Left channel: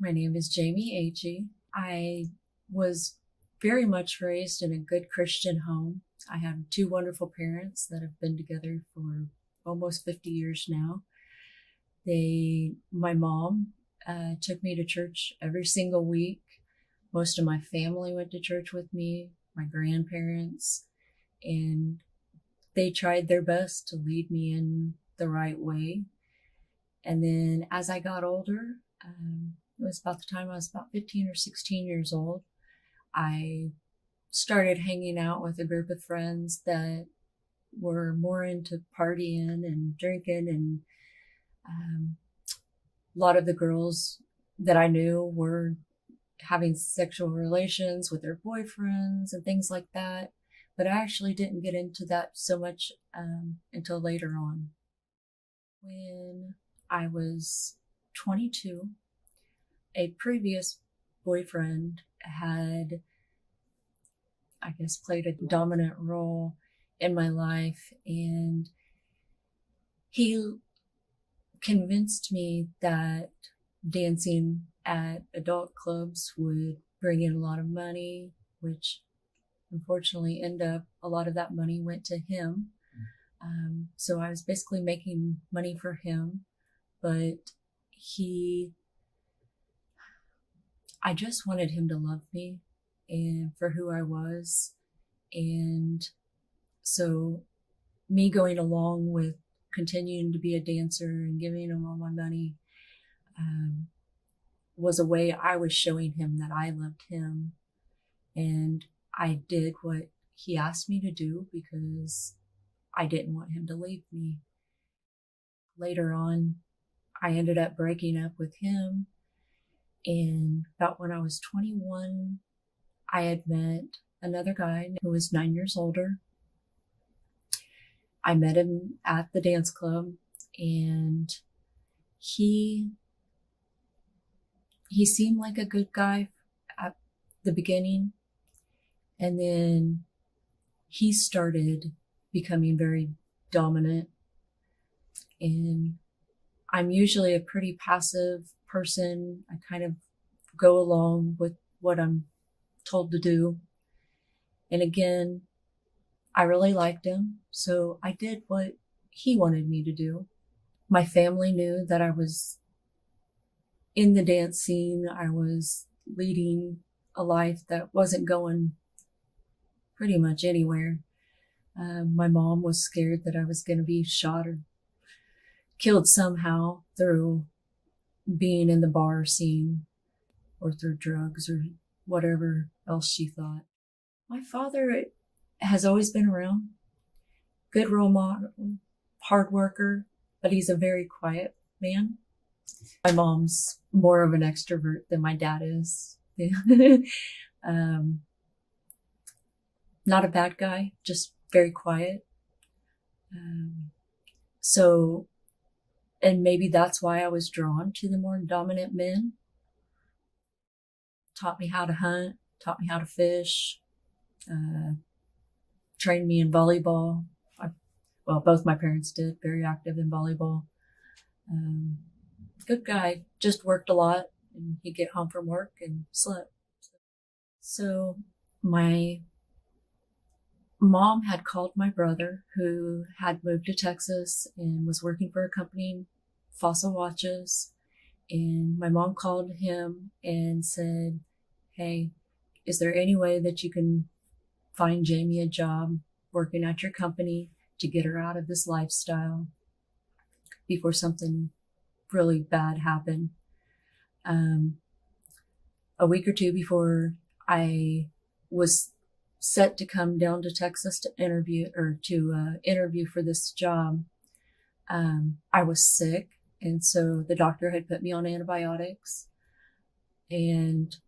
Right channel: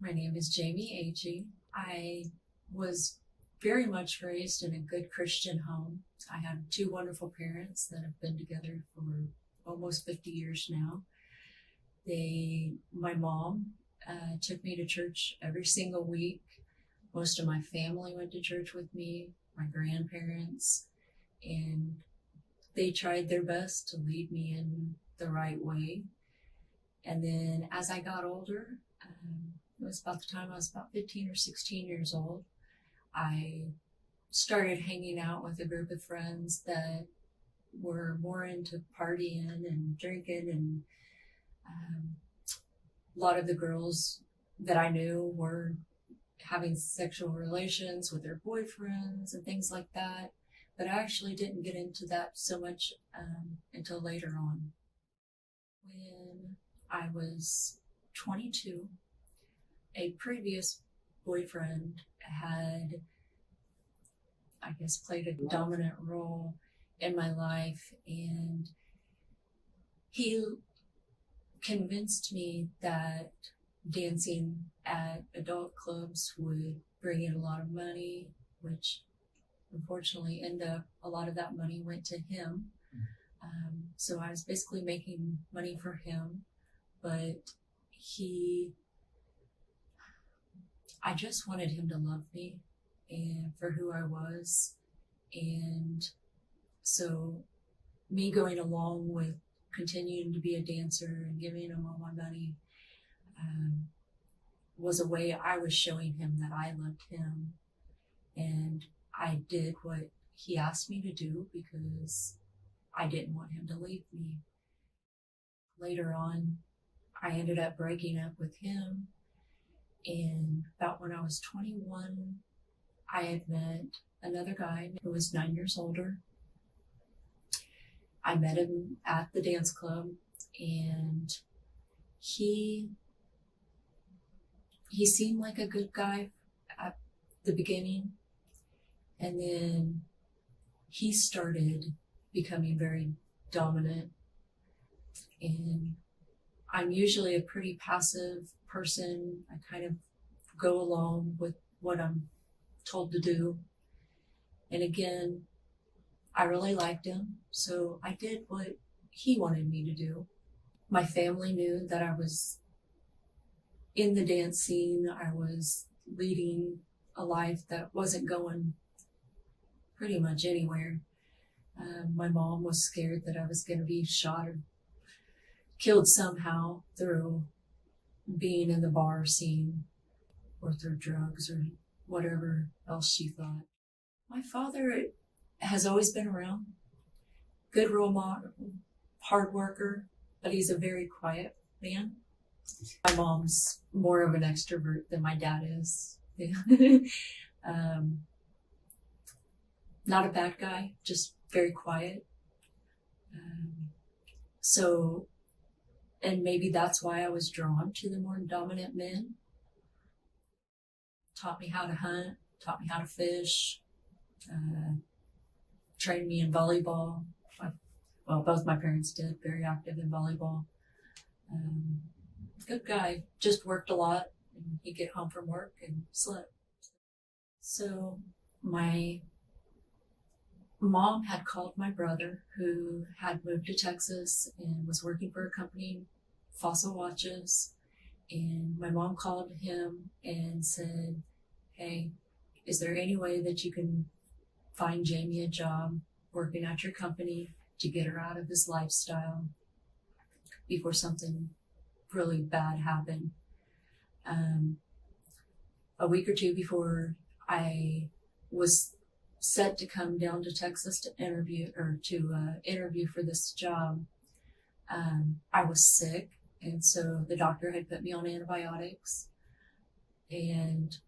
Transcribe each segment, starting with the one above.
My name is Jaime A.G. I was very much raised in a good Christian home. I have two wonderful parents that have been together for almost 50 years now. My mom took me to church every single week. Most of my family went to church with me, my grandparents, and they tried their best to lead me in the right way. And then as I got older, it was about the time I was about 15 or 16 years old, I started hanging out with a group of friends that were more into partying and drinking, and a lot of the girls that I knew were having sexual relations with their boyfriends and things like that. But I actually didn't get into that so much until later on. When I was 22, a previous boyfriend had, I guess, played a dominant role in my life, and he convinced me that dancing at adult clubs would bring in a lot of money, which unfortunately a lot of that money went to him. So I was basically making money for him, but I just wanted him to love me and for who I was. And so me going along with continuing to be a dancer and giving him all my money was a way I was showing him that I loved him. And I did what he asked me to do because I didn't want him to leave me. Later on, I ended up breaking up with him. And about when I was 21, I had met another guy who was 9 years older. I met him at the dance club, and he seemed like a good guy at the beginning. And then he started becoming very dominant. And I'm usually a pretty passive person. I kind of go along with what I'm told to do. And again, I really liked him, so I did what he wanted me to do. My family knew that I was in the dance scene. I was leading a life that wasn't going pretty much anywhere. My mom was scared that I was going to be shot or killed somehow through being in the bar scene or through drugs or whatever else she thought. My father has always been around, good role model, hard worker, but he's a very quiet man. My mom's more of an extrovert than my dad is. Not a bad guy, just very quiet. And maybe that's why I was drawn to the more dominant men. Taught me how to hunt, taught me how to fish, trained me in volleyball. Both my parents did, very active in volleyball. Good guy, just worked a lot, and he'd get home from work and slept. So my mom had called my brother, who had moved to Texas and was working for a company, Fossil Watches. And my mom called him and said, "Hey, is there any way that you can find Jaime a job working at your company to get her out of this lifestyle before something really bad happened?" A week or two before I was set to come down to Texas to interview for this job, I was sick. And so the doctor had put me on antibiotics, and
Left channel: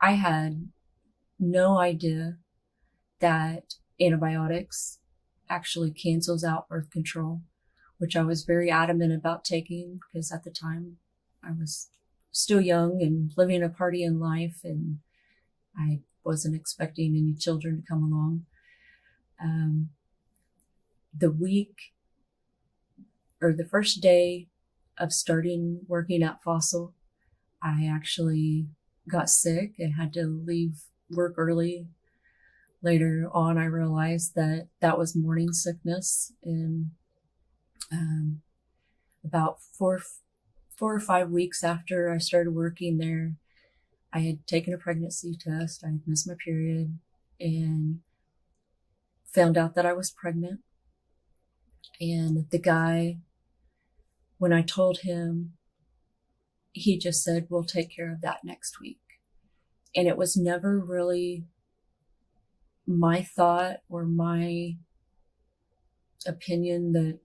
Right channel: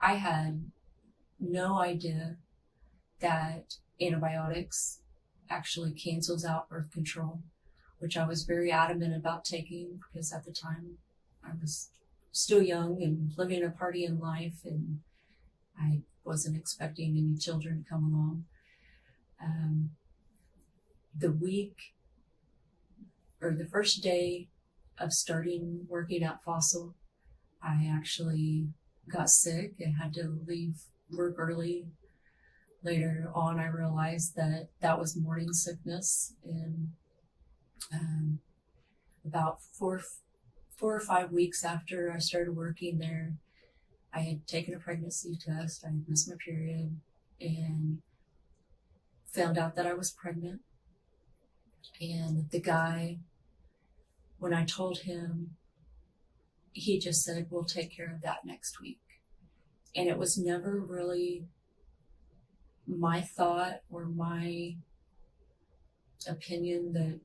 I had no idea that antibiotics actually cancels out birth control, which I was very adamant about taking because at the time I was still young and living a partying life, and I wasn't expecting any children to come along. The first day of starting working at Fossil, I actually got sick and had to leave work early. Later on, I realized that that was morning sickness. And about four or 5 weeks after I started working there, I had taken a pregnancy test. I had missed my period and found out that I was pregnant. And the guy, when I told him, he just said, we'll take care of that next week. And it was never really my thought or my opinion that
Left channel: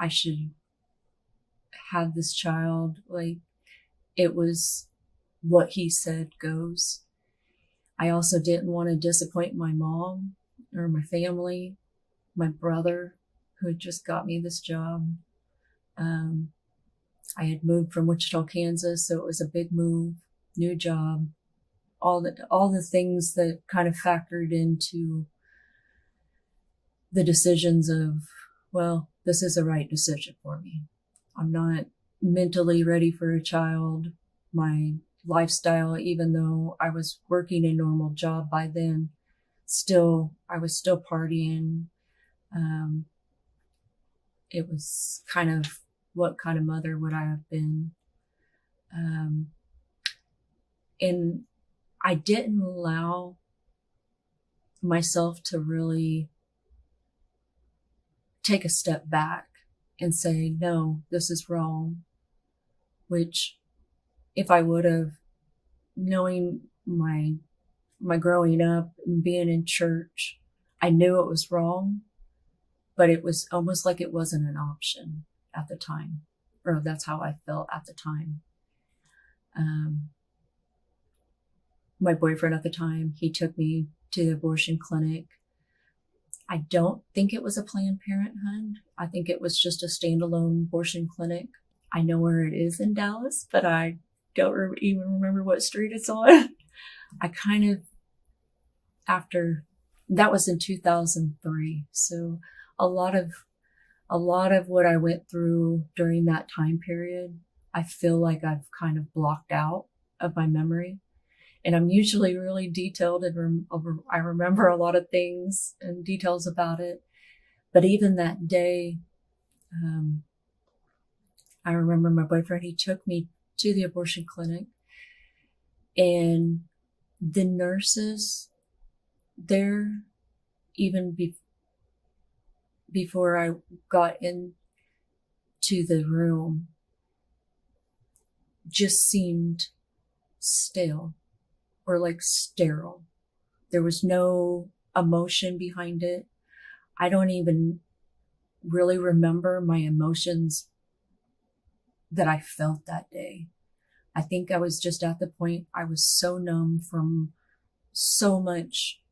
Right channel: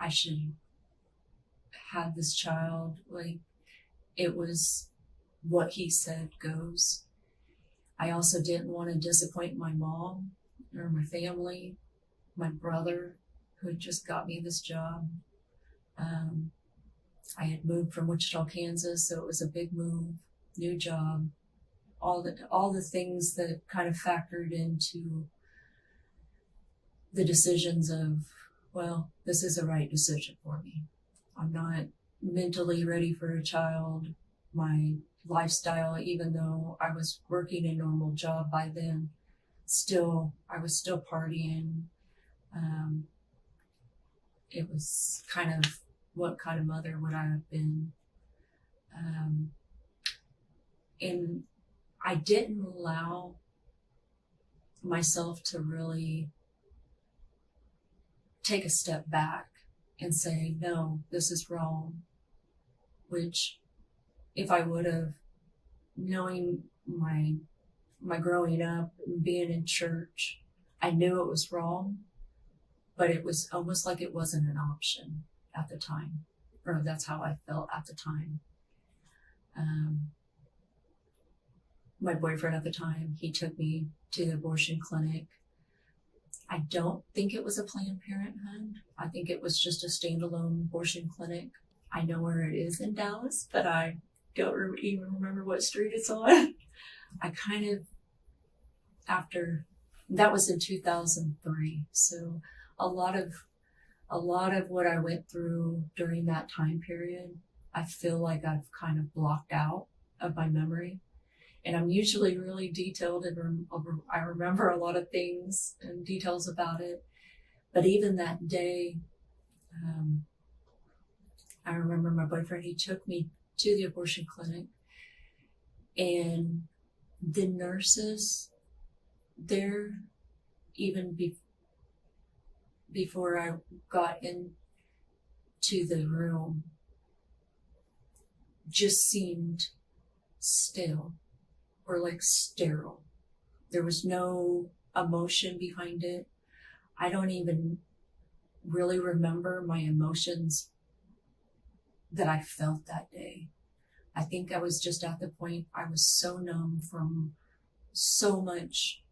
I should have this child. Like, it was what he said goes. I also didn't want to disappoint my mom or my family, my brother, who had just got me this job. I had moved from Wichita, Kansas, so it was a big move, new job, all the things that kind of factored into the decisions of, well, this is a right decision for me. I'm not mentally ready for a child. My lifestyle, even though I was working a normal job by then, I was still partying. It was kind of, what kind of mother would I have been? And I didn't allow myself to really take a step back and say, no, this is wrong. Which, if I would have, knowing my growing up and being in church, I knew it was wrong, but it was almost like it wasn't an option at the time, or that's how I felt at the time. My boyfriend at the time, he took me to the abortion clinic. I don't think it was a Planned Parenthood. I think it was just a standalone abortion clinic. I know where it is in Dallas, but I don't even remember what street it's on. I kind of, that was in 2003. So a lot of what I went through during that time period, I feel like I've kind of blocked out of my memory. And I'm usually really detailed and I remember a lot of things and details about it. But even that day, I remember my boyfriend, he took me to the abortion clinic, and the nurses there, even before I got into the room, just seemed stale or like sterile. There was no emotion behind it. I don't even really remember my emotions that I felt that day. I think I was just at the point, I was so numb from so much,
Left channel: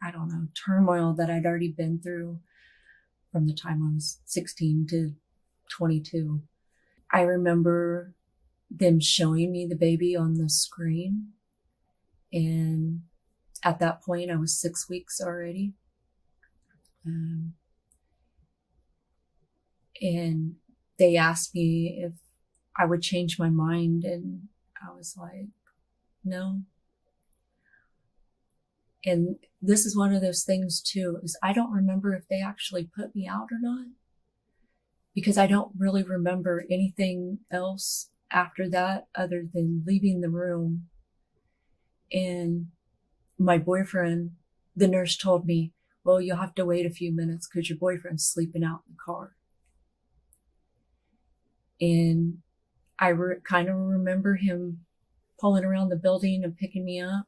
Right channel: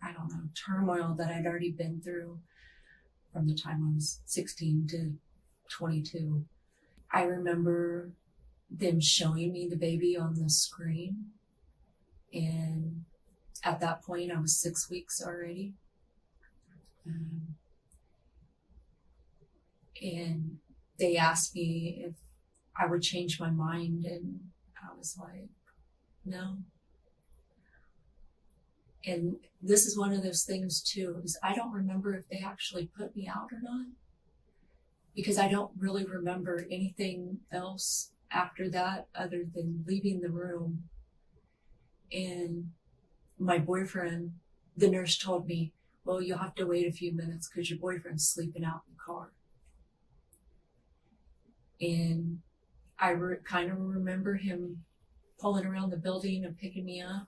I don't know, turmoil that I'd already been through from the time I was 16 to 22. I remember them showing me the baby on the screen. And at that point, I was 6 weeks already. And they asked me if I would change my mind. And I was like, no. And this is one of those things too, is I don't remember if they actually put me out or not, because I don't really remember anything else after that other than leaving the room. And my boyfriend, the nurse told me, well, you'll have to wait a few minutes because your boyfriend's sleeping out in the car. And I kind of remember him pulling around the building and picking me up,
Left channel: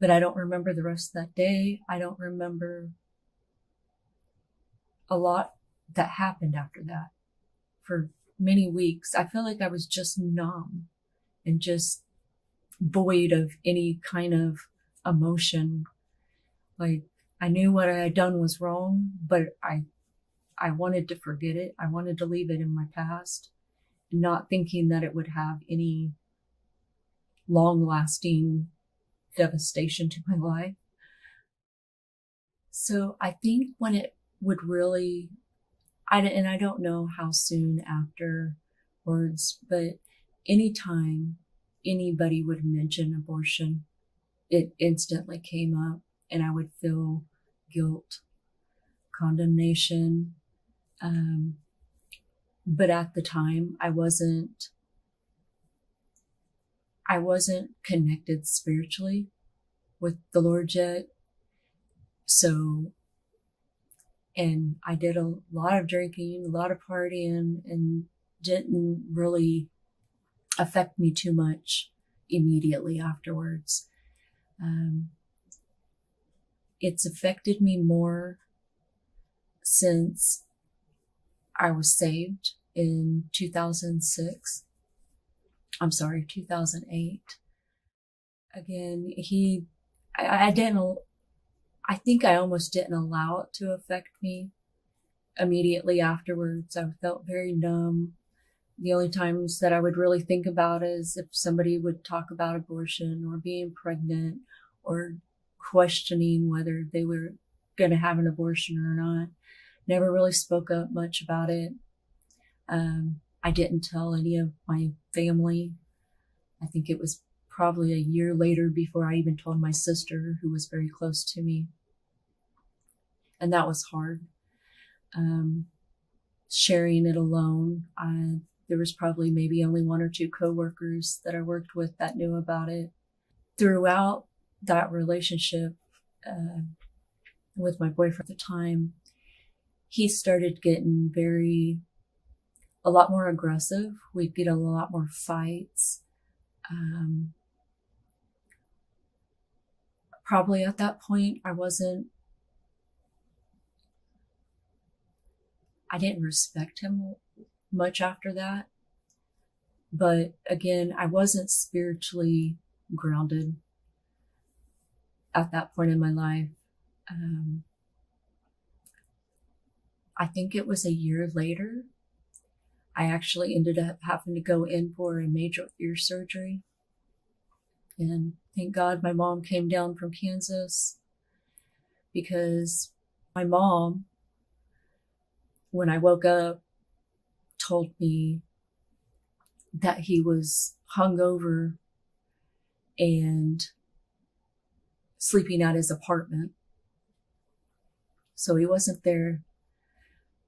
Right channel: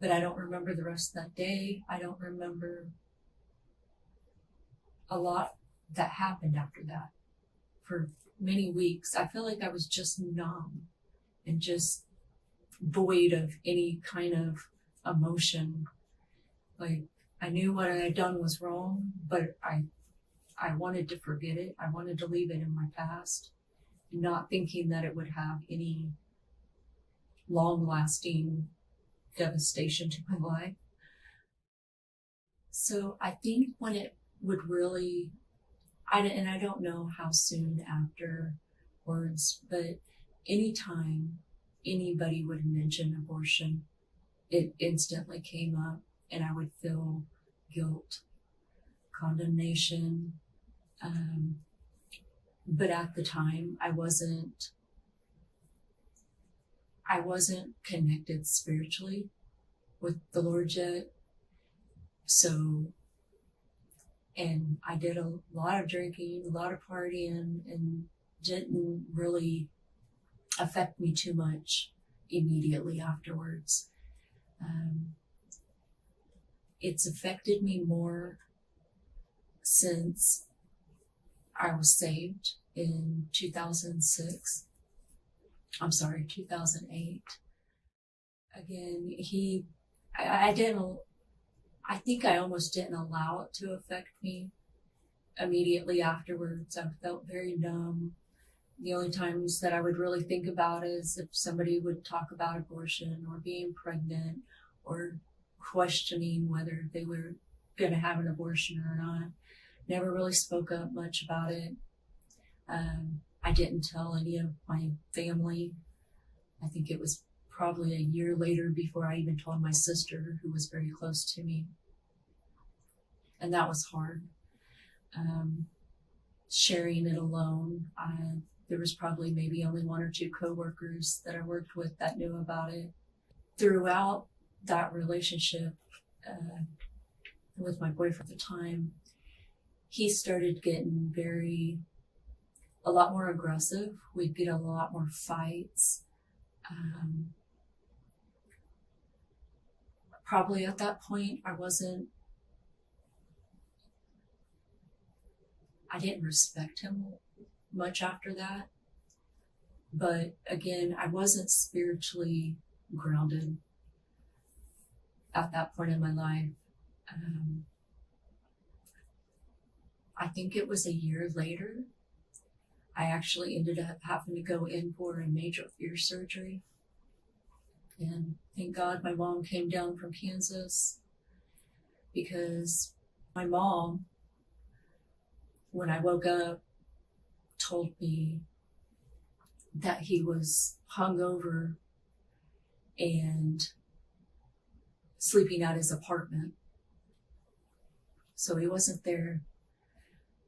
but I don't remember the rest of that day. I don't remember a lot that happened after that for many weeks. I feel like I was just numb and just void of any kind of emotion. Like, I knew what I had done was wrong, but I wanted to forget it. I wanted to leave it in my past, not thinking that it would have any long-lasting devastation to my life. So I think when it would really, I don't know how soon after words, but anytime anybody would mention abortion, it instantly came up, and I would feel guilt, condemnation. But at the time, I wasn't connected spiritually with the Lord yet. So, and I did a lot of drinking, a lot of partying, and didn't really affect me too much immediately afterwards. It's affected me more since I was saved in 2008. Again, I think I almost didn't allow it to affect me immediately afterwards. I felt very numb. The only times that I would really think about is if somebody would talk about abortion or being pregnant or questioning whether they were going to have an abortion or not. Never really spoke up much about it. I didn't tell any of my family. I think it was probably a year later before I even told my sister, who was very close to me. And that was hard. Sharing it alone. There was probably maybe only one or two coworkers that I worked with that knew about it. Throughout that relationship with my boyfriend at the time, he started getting a lot more aggressive. We'd get a lot more fights. Probably at that point, I didn't respect him much after that. But again, I wasn't spiritually grounded at that point in my life. I think it was a year later, I actually ended up having to go in for a major ear surgery. And thank God my mom came down from Kansas, because my mom, when I woke up, told me that he was hungover and sleeping at his apartment. So he wasn't there.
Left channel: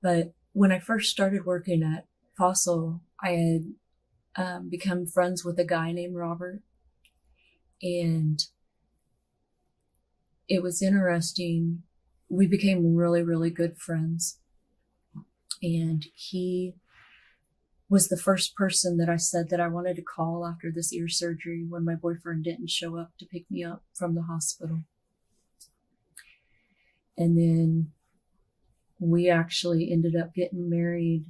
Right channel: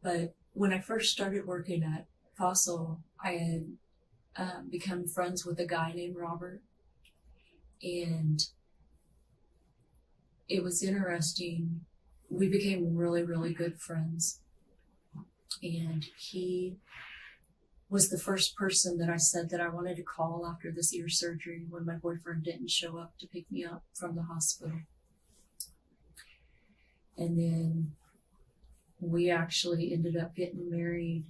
But when I first started working at Fossil, I had become friends with a guy named Robert. And it was interesting. We became really, really good friends. And he was the first person that I said that I wanted to call after this ear surgery when my boyfriend didn't show up to pick me up from the hospital. And then we actually ended up getting married.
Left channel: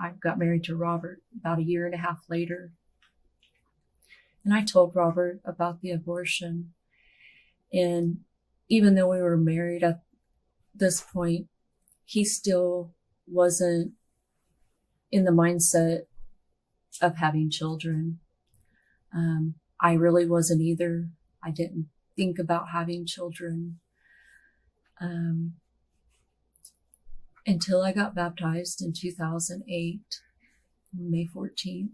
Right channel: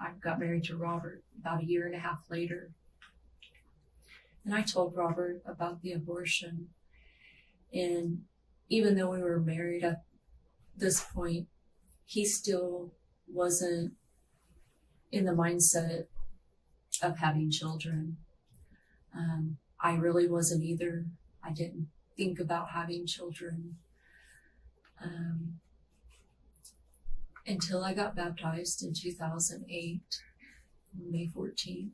I got married to Robert about a year and a half later. And I told Robert about the abortion. And even though we were married at this point, he still wasn't in the mindset of having children. I really wasn't either. I didn't think about having children until I got baptized in 2008, May 14th.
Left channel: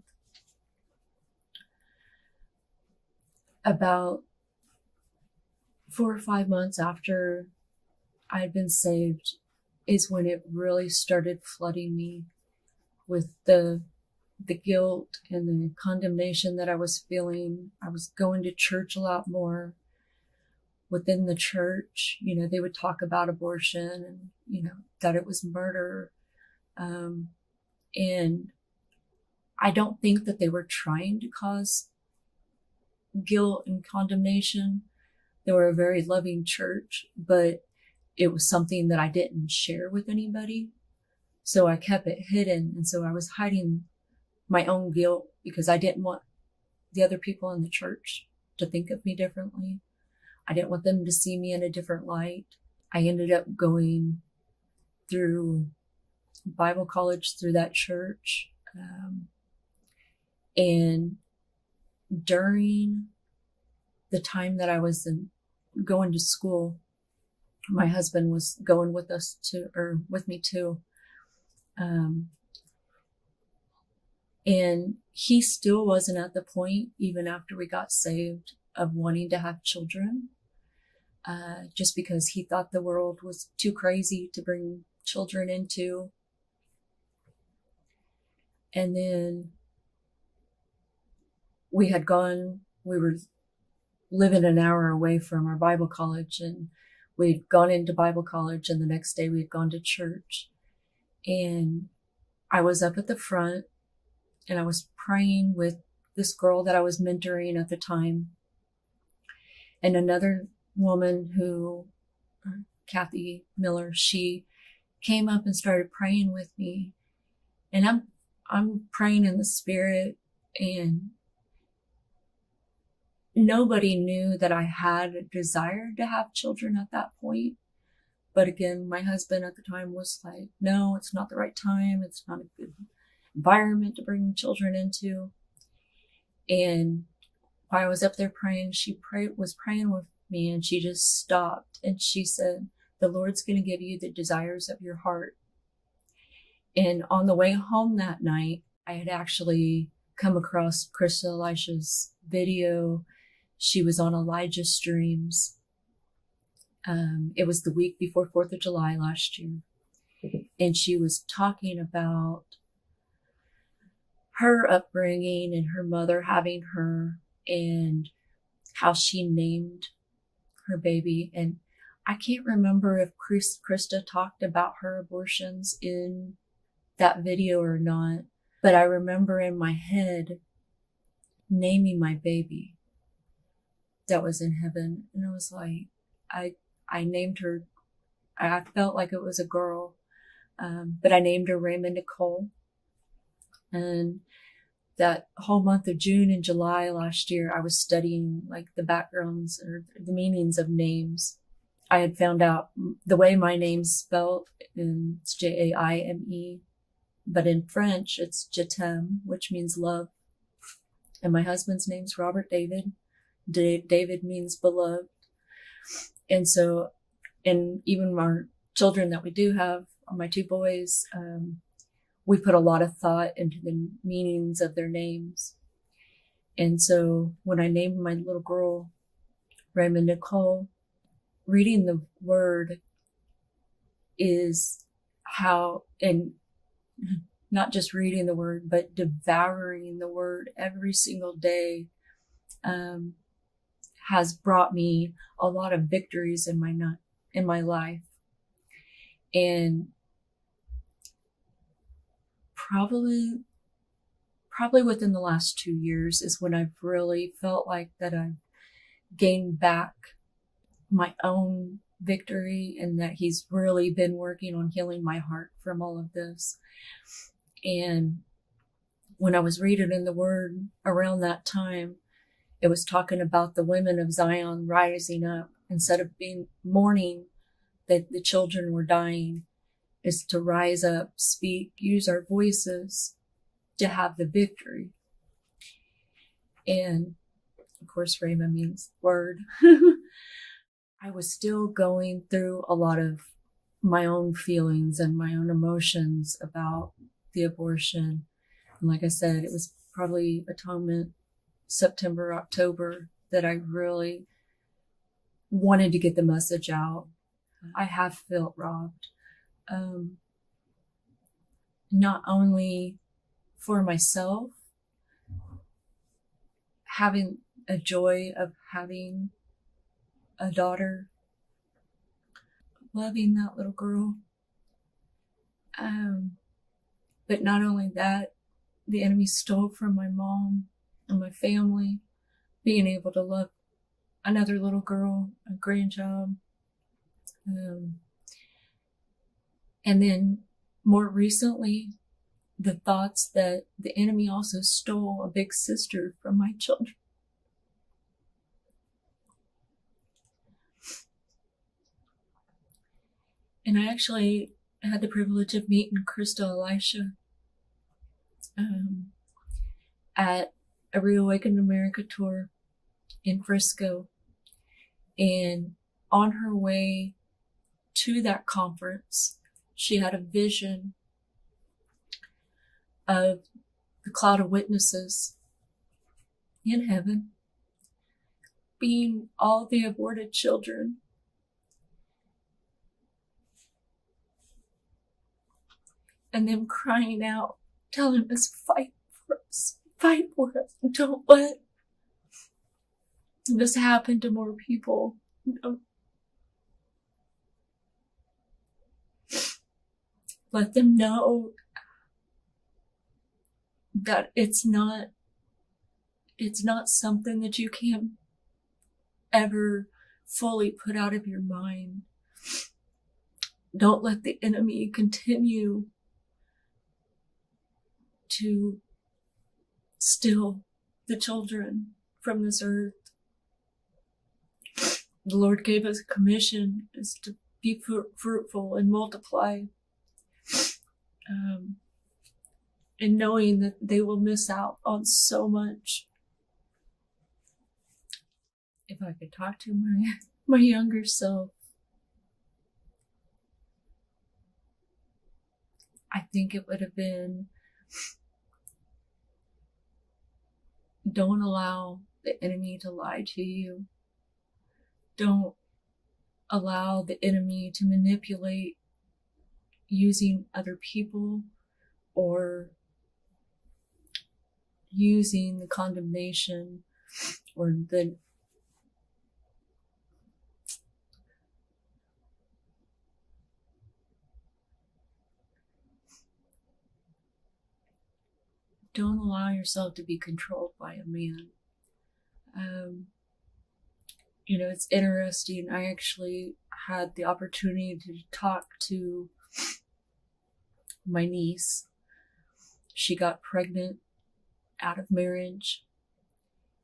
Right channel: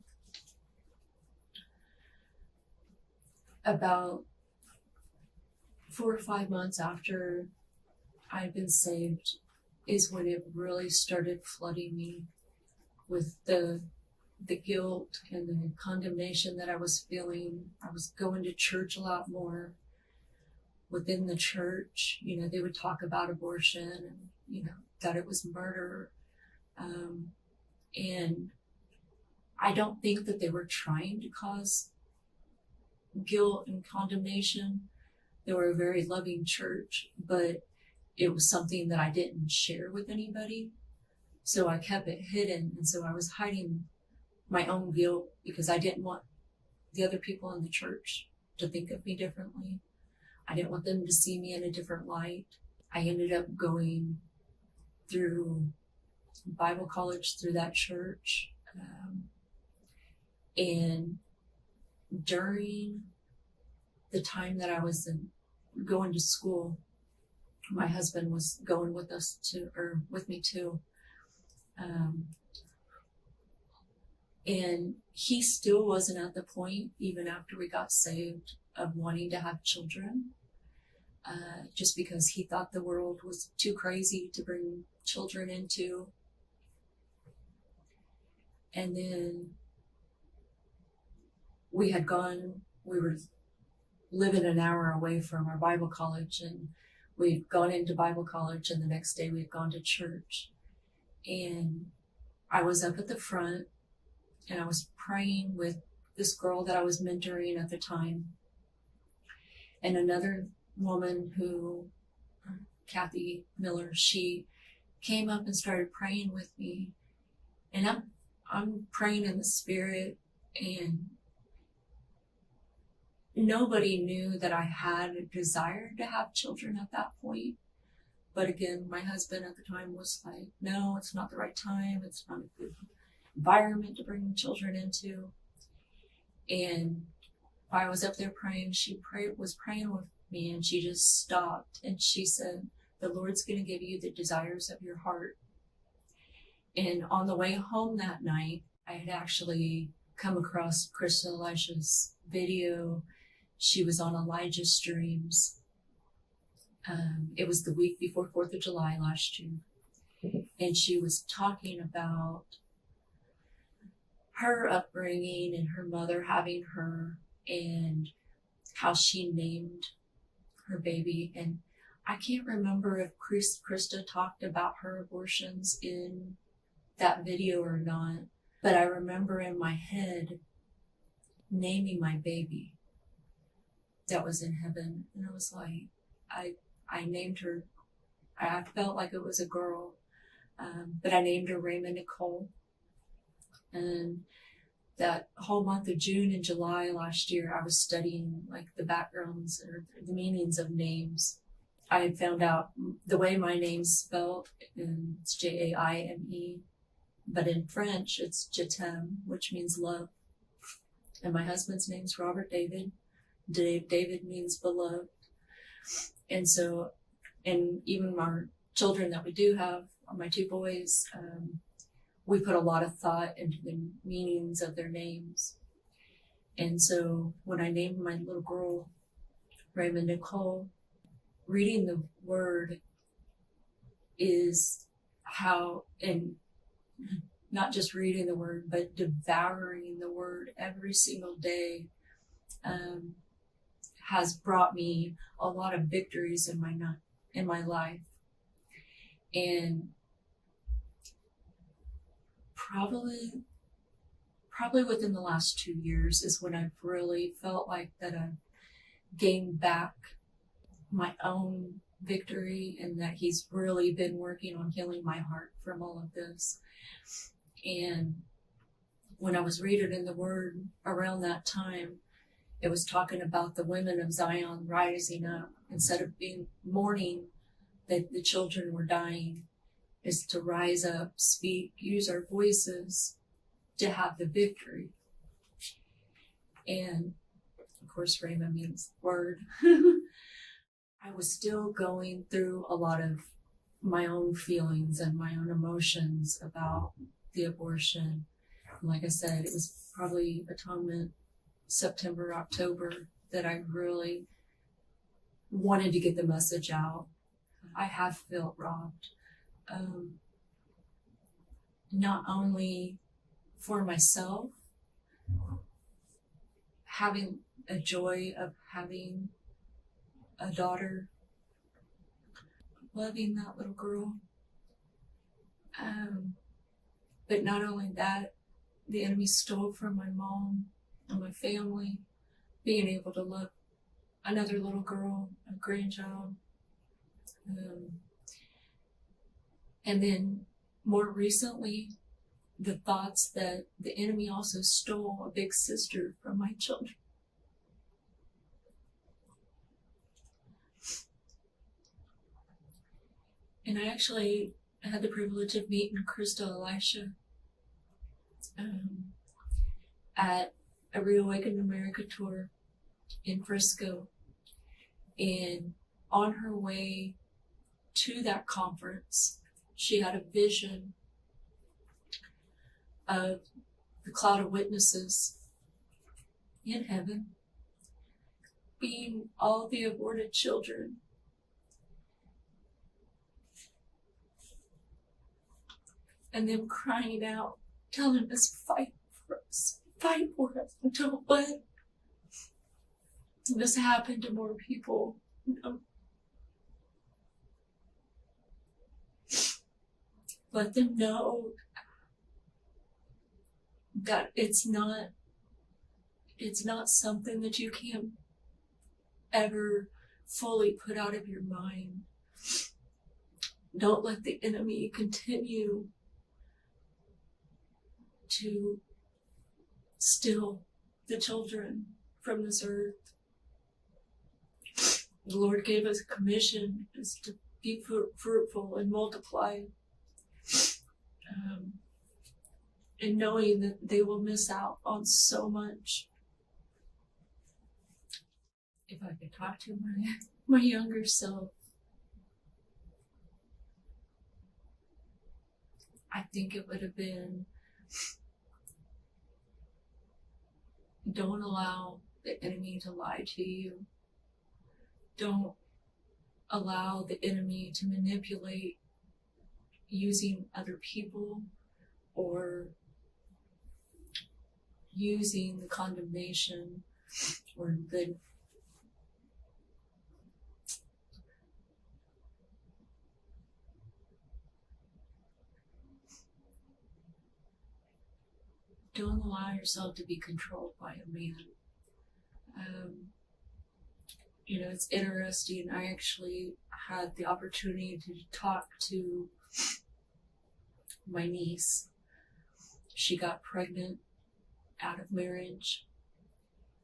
About 4 or 5 months after I'd been saved is when it really started flooding me with the guilt and the condemnation that I was feeling. I was going to church a lot more. Within the church, they would talk about abortion and, that it was murder. And I don't think that they were trying to cause guilt and condemnation. They were a very loving church, but it was something that I didn't share with anybody. So I kept it hidden. And so I was hiding my own guilt because I didn't want the other people in the church to think of me differently. I didn't want them to see me in a different light. I ended up going through Bible college through that church. And during the time that I was going to school, my husband was going with me too. And he still wasn't at the point, even after we got saved, of wanting to have children, just because he thought the world was too crazy to bring children into. And then we were living an hour away from our Bible college, and we'd gone into Bible college, and the next day we'd gone to church. And I was up at the front, and I was praying with this girl that I was mentoring at the time, and another woman who, Kathy Miller, she came up and started praying with me. And I'm praying in the Spirit, and nobody knew that I had a desire to have children at that point. But again, my husband at the time was like, no, it's not the right time. It's not a good environment to bring children into. And while I was up there praying, she was praying with me, and she just stopped, and she said, the Lord's going to give you the desires of your heart. And on the way home that night, I had actually come across Krista Elisha's video. She was on Elijah Streams. It was the week before 4th of July last year. And she was talking about her upbringing and her mother having her, and how she named her baby. And I can't remember if Krista talked about her abortions in that video or not, but I remember in my head naming my baby that was in heaven. And I was like, I named her, I felt like it was a girl, but I named her Raymond Nicole. And that whole month of June and July last year, I was studying like the backgrounds or the meanings of names. I had found out the way my name's spelled, and it's Jaime, but in French it's Jatem, which means love. And my husband's name's Robert David. David means beloved. And so, and even our children that we do have, my two boys, we put a lot of thought into the meanings of their names. And so when I named my little girl Raymond Nicole, reading the word is how, and not just reading the word, but devouring the word every single day, has brought me a lot of victories in my life. And probably within the last 2 years is when I've really felt like that I've gained back my own victory, and that he's really been working on healing my heart from all of this. And when I was reading in the word around that time, it was talking about the women of Zion rising up. Instead of being mourning that the children were dying, is to rise up, speak, use our voices to have the victory. And of course, Rhema means word. I was still going through a lot of my own feelings and my own emotions about the abortion. And like I said, it was probably Atonement, September, October, that I really wanted to get the message out. I have felt robbed. Not only for myself, having a joy of having a daughter, loving that little girl. But not only that, the enemy stole from my mom and my family, being able to love another little girl, a grandchild. And then more recently, the thoughts that the enemy also stole a big sister from my children. And I actually had the privilege of meeting Krista Elisha at a Reawakened America tour in Frisco. And on her way to that conference, she had a vision of the cloud of witnesses in heaven, being all the aborted children. And them crying out, telling us, fight for us, don't let this happen to more people. No. Let them know that it's not something that you can ever fully put out of your mind. Don't let the enemy continue to steal the children from this earth. The Lord gave us a commission is to be fruitful and multiply. And knowing that they will miss out on so much. If I could talk to my younger self, I think it would have been, don't allow the enemy to lie to you. Don't allow the enemy to manipulate using other people or using the condemnation or the don't allow yourself to be controlled by a man. It's interesting. I actually had the opportunity to talk to my niece. She got pregnant out of marriage,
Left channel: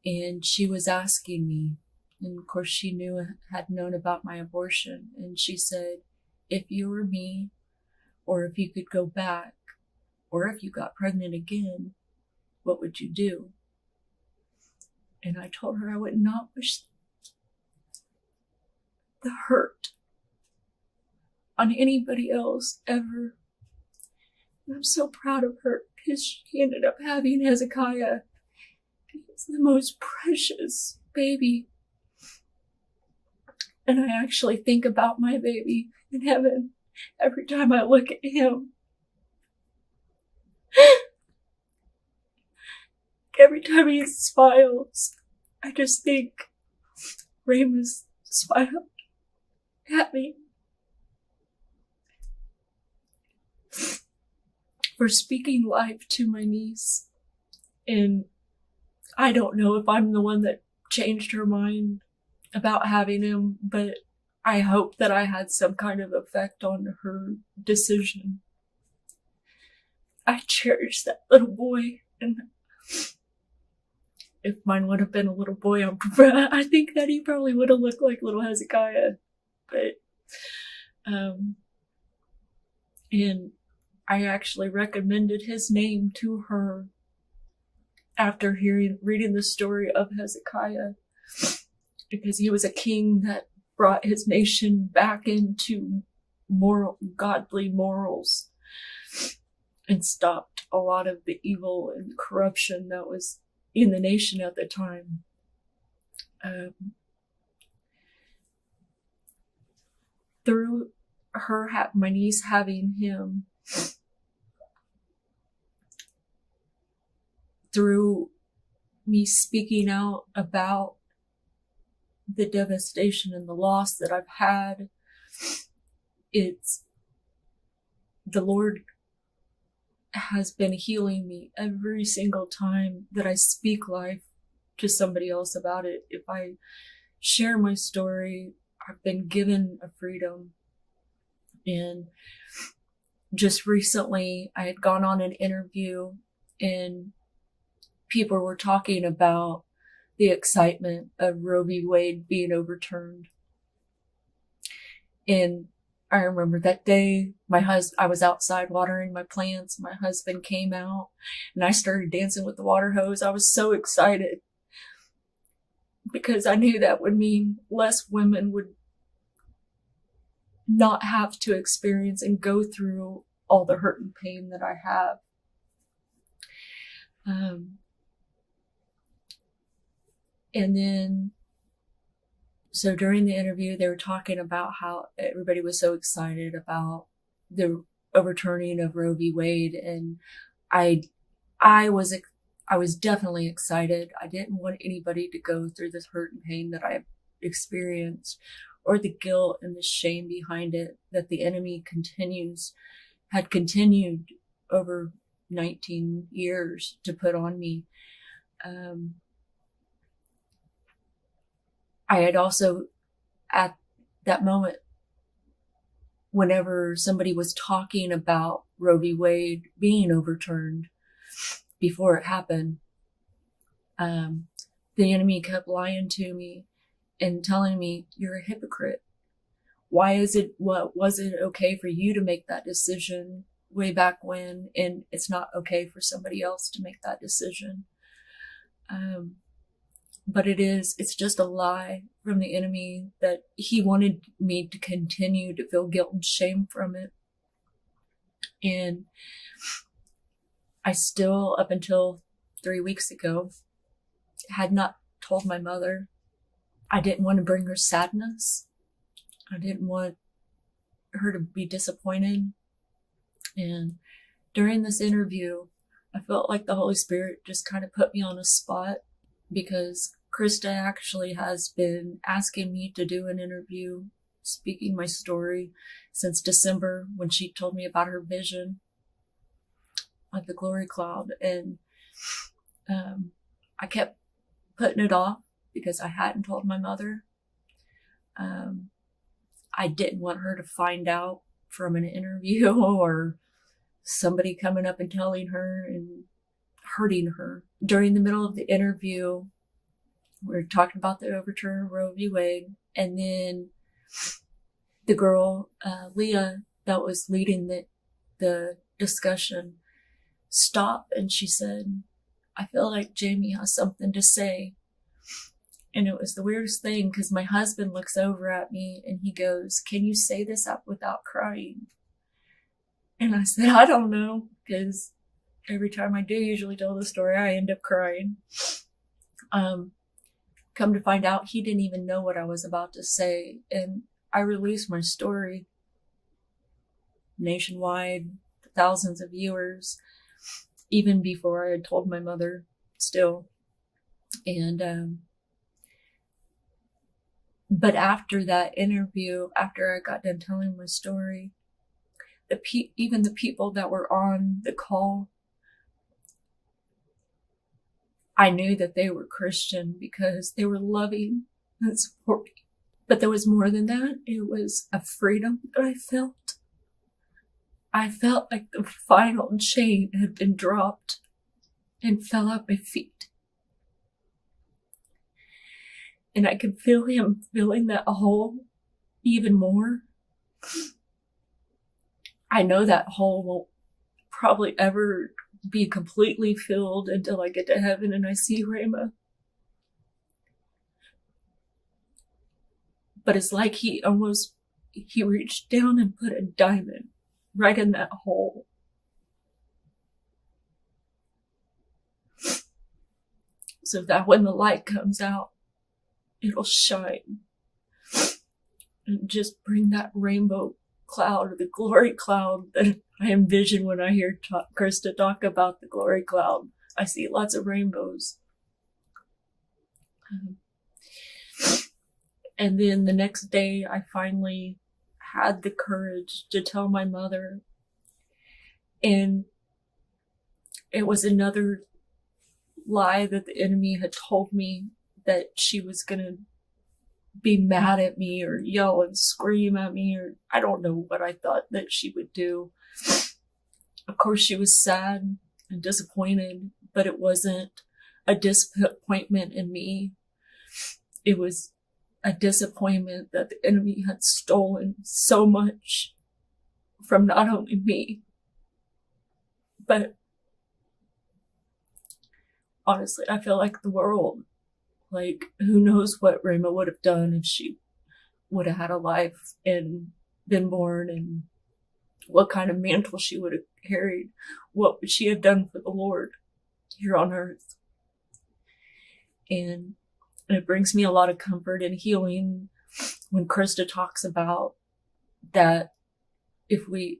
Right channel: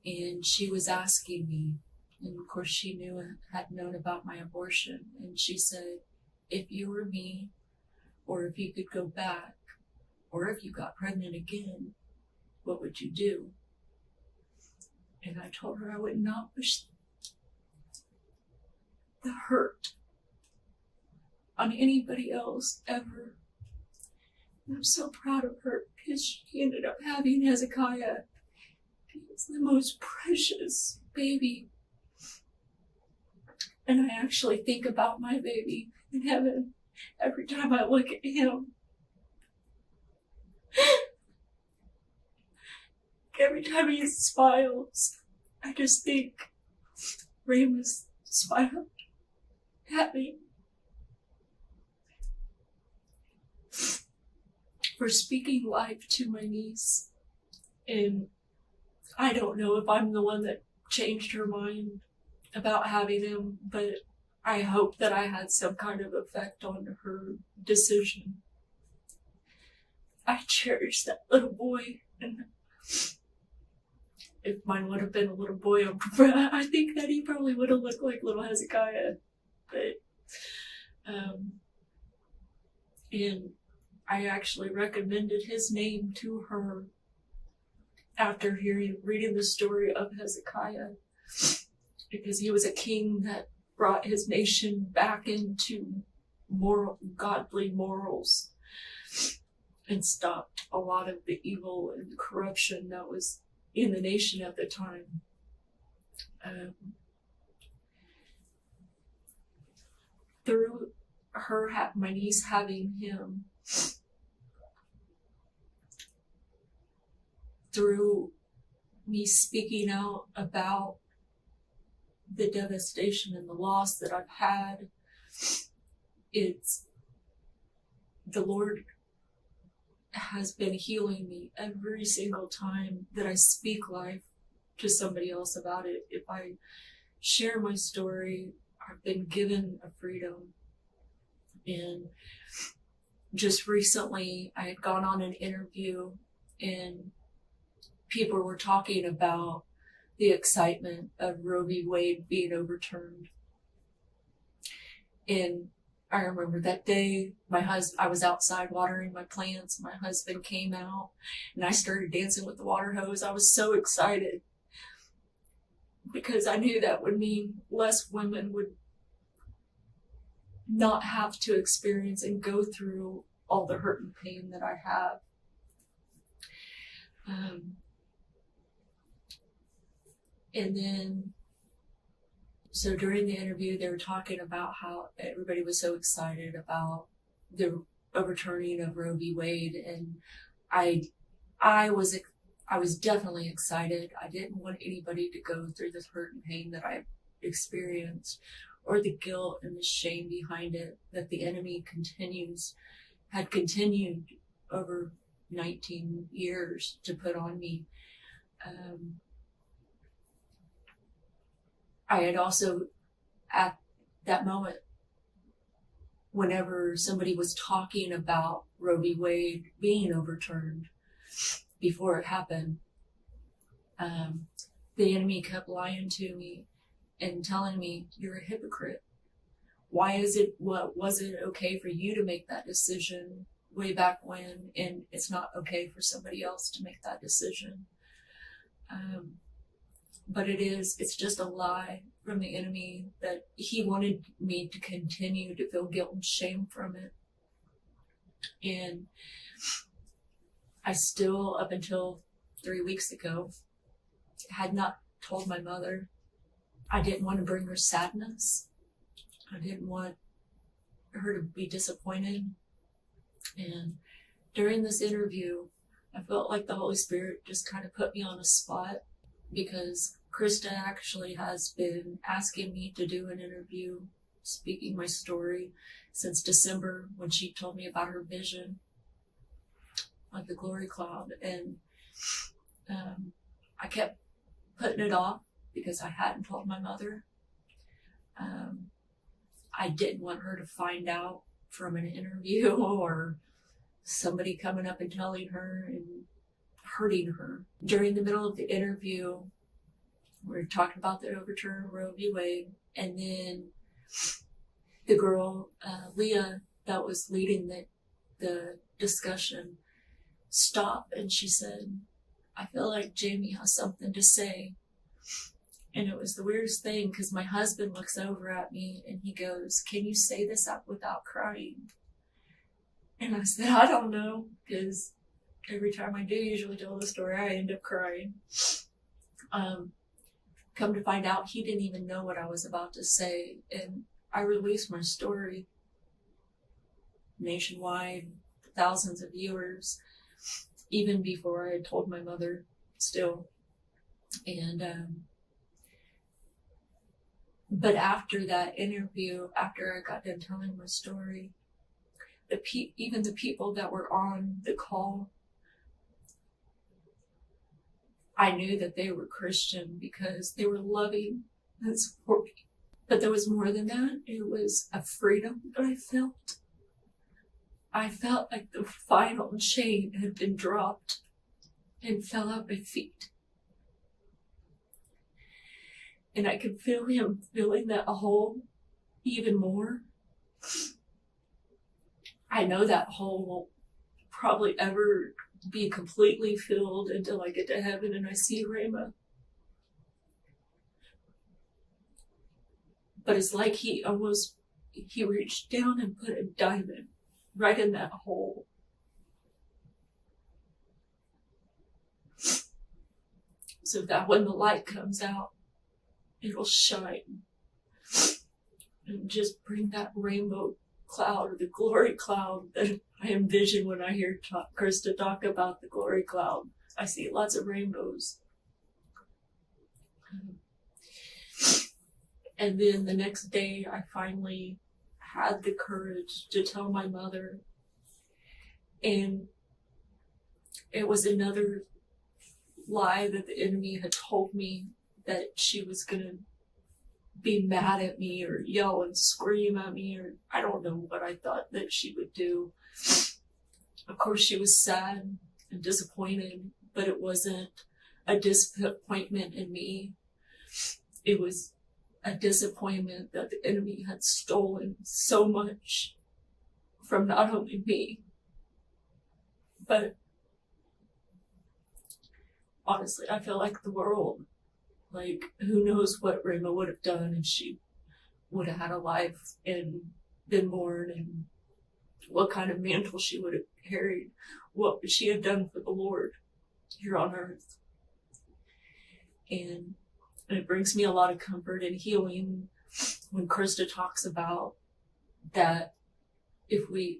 and she was asking me, and of course she had known about my abortion, and she said, if you were me, or if you could go back, or if you got pregnant again, what would you do? And I told her I would not wish the hurt on anybody else ever. And I'm so proud of her because she ended up having Hezekiah. He's the most precious baby. And I actually think about my baby in heaven every time I look at him. Every time he smiles, I just think Raymond's smile at me. For speaking life to my niece. And I don't know if I'm the one that changed her mind about having him, but I hope that I had some kind of effect on her decision. I cherish that little boy, and if mine would have been a little boy, I think that he probably would have looked like little Hezekiah. But, and I actually recommended his name to her after reading the story of Hezekiah, because he was a king that brought his nation back into godly morals and stopped a lot of the evil and corruption that was in the nation at the time. Through my niece having him, through me speaking out about the devastation and the loss that I've had, the Lord has been healing me every single time that I speak life to somebody else about it. If I share my story, I've been given a freedom. And just recently, I had gone on an interview, and people were talking about the excitement of Roe v. Wade being overturned. And I remember that day, I was outside watering my plants. My husband came out, and I started dancing with the water hose. I was so excited because I knew that would mean less women would not have to experience and go through all the hurt and pain that I have. And then, so during the interview, they were talking about how everybody was so excited about the overturning of Roe v. Wade, and I was definitely excited. I didn't want anybody to go through the hurt and pain that I experienced, or the guilt and the shame behind it that the enemy had continued over 19 years to put on me. I had also, at that moment, whenever somebody was talking about Roe v. Wade being overturned before it happened, the enemy kept lying to me and telling me, you're a hypocrite. Was it okay for you to make that decision way back when, and it's not okay for somebody else to make that decision? But it's just a lie from the enemy that he wanted me to continue to feel guilt and shame from it. And I still, up until 3 weeks ago, had not told my mother. I didn't want to bring her sadness. I didn't want her to be disappointed. And during this interview, I felt like the Holy Spirit just kind of put me on a spot, because Krista actually has been asking me to do an interview speaking my story since December, when she told me about her vision of the glory cloud. And I kept putting it off because I hadn't told my mother. I didn't want her to find out from an interview or somebody coming up and telling her and hurting her. During the middle of the interview, we were talking about the overturn of Roe v. Wade, and then the girl, Leah, that was leading the discussion, stopped, and she said, I feel like Jaime has something to say. And it was the weirdest thing, because my husband looks over at me and he goes, can you say this up without crying? And I said, I don't know, because every time I do usually tell the story, I end up crying. Come to find out, he didn't even know what I was about to say. And I released my story nationwide, thousands of viewers, even before I had told my mother still. And, but after that interview, after I got done telling my story, even the people that were on the call, I knew that they were Christian because they were loving and supporting. But there was more than that. It was a freedom that I felt. I felt like the final chain had been dropped and fell at my feet. And I could feel him filling that hole even more. I know that hole won't probably ever be completely filled until I get to heaven and I see Rama. But it's like he reached down and put a diamond right in that hole. So that when the light comes out, it'll shine and just bring that rainbow cloud, or the glory cloud that I envision when I hear Krista talk about the glory cloud. I see lots of rainbows. And then the next day, I finally had the courage to tell my mother. And it was another lie that the enemy had told me, that she was going to be mad at me or yell and scream at me, or I don't know what I thought that she would do. Of course, she was sad and disappointed, but it wasn't a disappointment in me. It was a disappointment that the enemy had stolen so much from not only me, but honestly, I feel like the world. Like, who knows what Rama would have done if she would have had a life and been born, and what kind of mantle she would have carried. What would she have done for the Lord? here on earth. And it brings me a lot of comfort and healing when Krista talks about that if we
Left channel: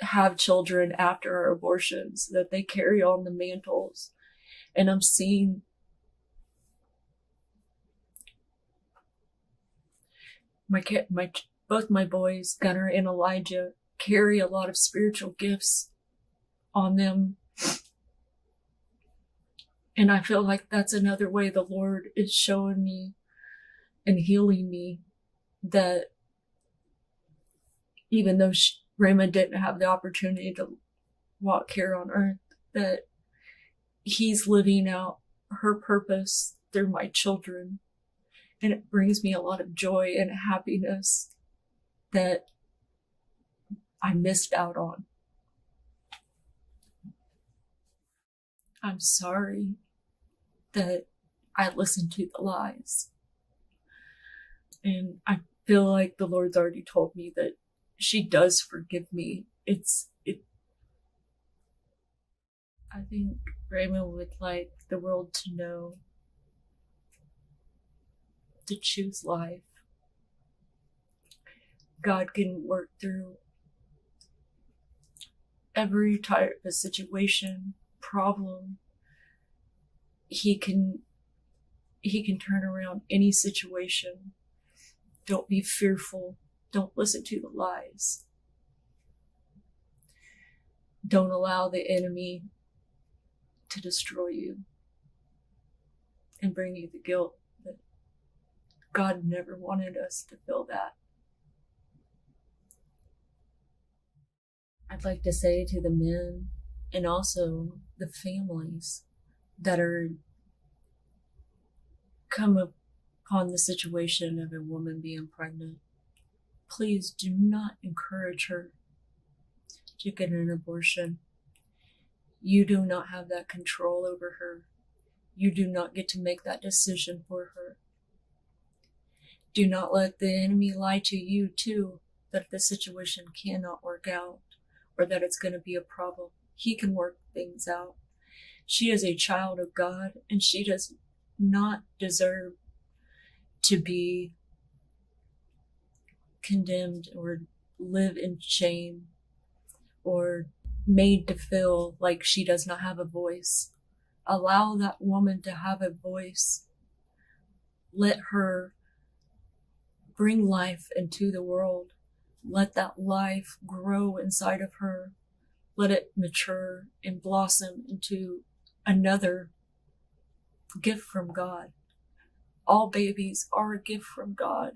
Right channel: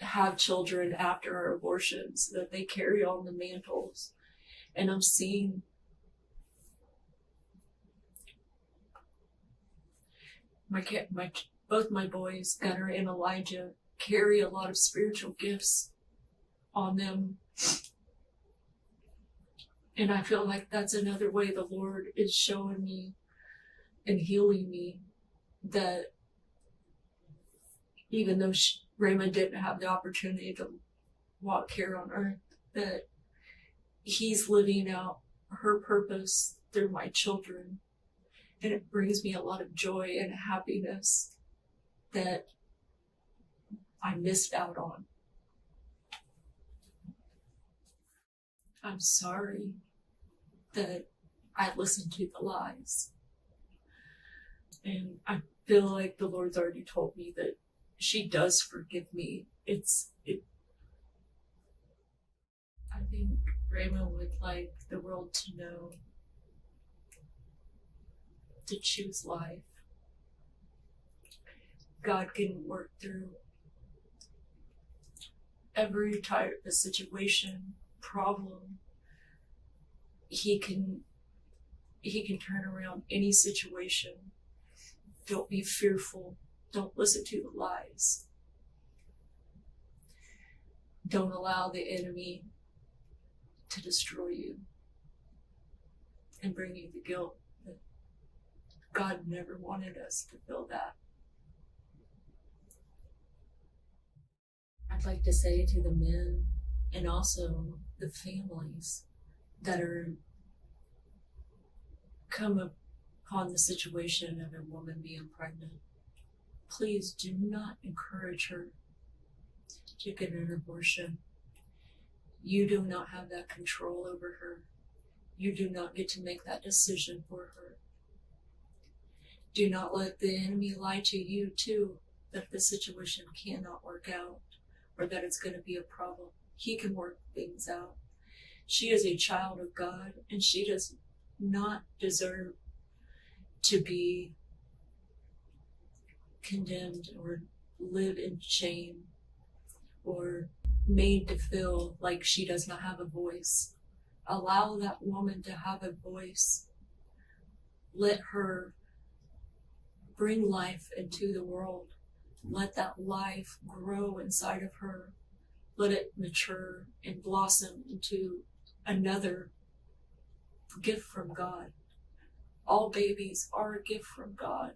have children after our abortions, that they carry on the mantles. And I'm seeing both my boys, Gunnar and Elijah, carry a lot of spiritual gifts on them. And I feel like that's another way the Lord is showing me and healing me, that even though Raymond didn't have the opportunity to walk here on earth, that he's living out her purpose through my children. And it brings me a lot of joy and happiness that I missed out on. I'm sorry that I listened to the lies. And I feel like the Lord's already told me that she does forgive me. I think Raymond would like the world to know to choose life. God can work through every type of situation, problem. He can turn around any situation. Don't be fearful. Don't listen to the lies. Don't allow the enemy to destroy you and bring you the guilt that God never wanted us to feel that. I'd like to say to the men and also the families that are come upon the situation of a woman being pregnant, please do not encourage her to get an abortion. You do not have that control over her. You do not get to make that decision for her. Do not let the enemy lie to you too, that the situation cannot work out or that it's going to be a problem. He can work things out. She is a child of God, and she does not deserve to be condemned or live in shame or made to feel like she does not have a voice. Allow that woman to have a voice. Let her bring life into the world. Let that life grow inside of her. Let it mature and blossom into another gift from God. All babies are a gift from God,